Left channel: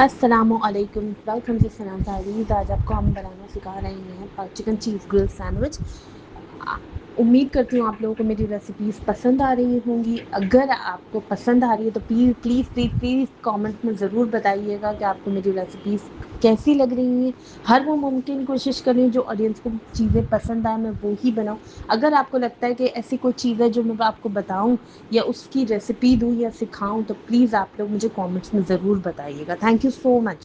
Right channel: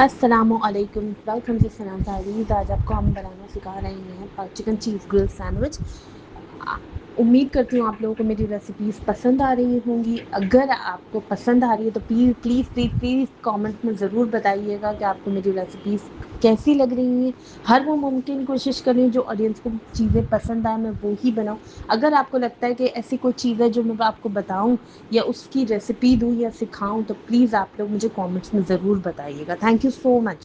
अस्सलामुअलैकुम, welcome to Sana diaries. आज आपको हम बनाना सिखा रहे हैं चिकन चीज़ ग्रिल सैंडविच। उम्मीद करती हूँ आप लोगों को मेरी रेसिपीज़ पसंद आ रही होंगी। अगर आपको पसंद आ रही है तो please please please please comment में ज़रूर बताइएगा कि आपको मेरी रेसिपीज़ कैसी लग रही हैं। हर वो मुमकिन कोशिश करें जो ऑडियंस को चीज़ें पसंद आए मैं वो ही बनाऊँ। अगर आपको लगता है कि ऐसी कोई चीज़ है जो मैं आपको बताऊँ या उसकी रेसिपी दूँ या सिखाऊँ तो प्लीज़ आप लोग मुझे कमेंट्स में ज़रूर बताइएगा। Thank you so much.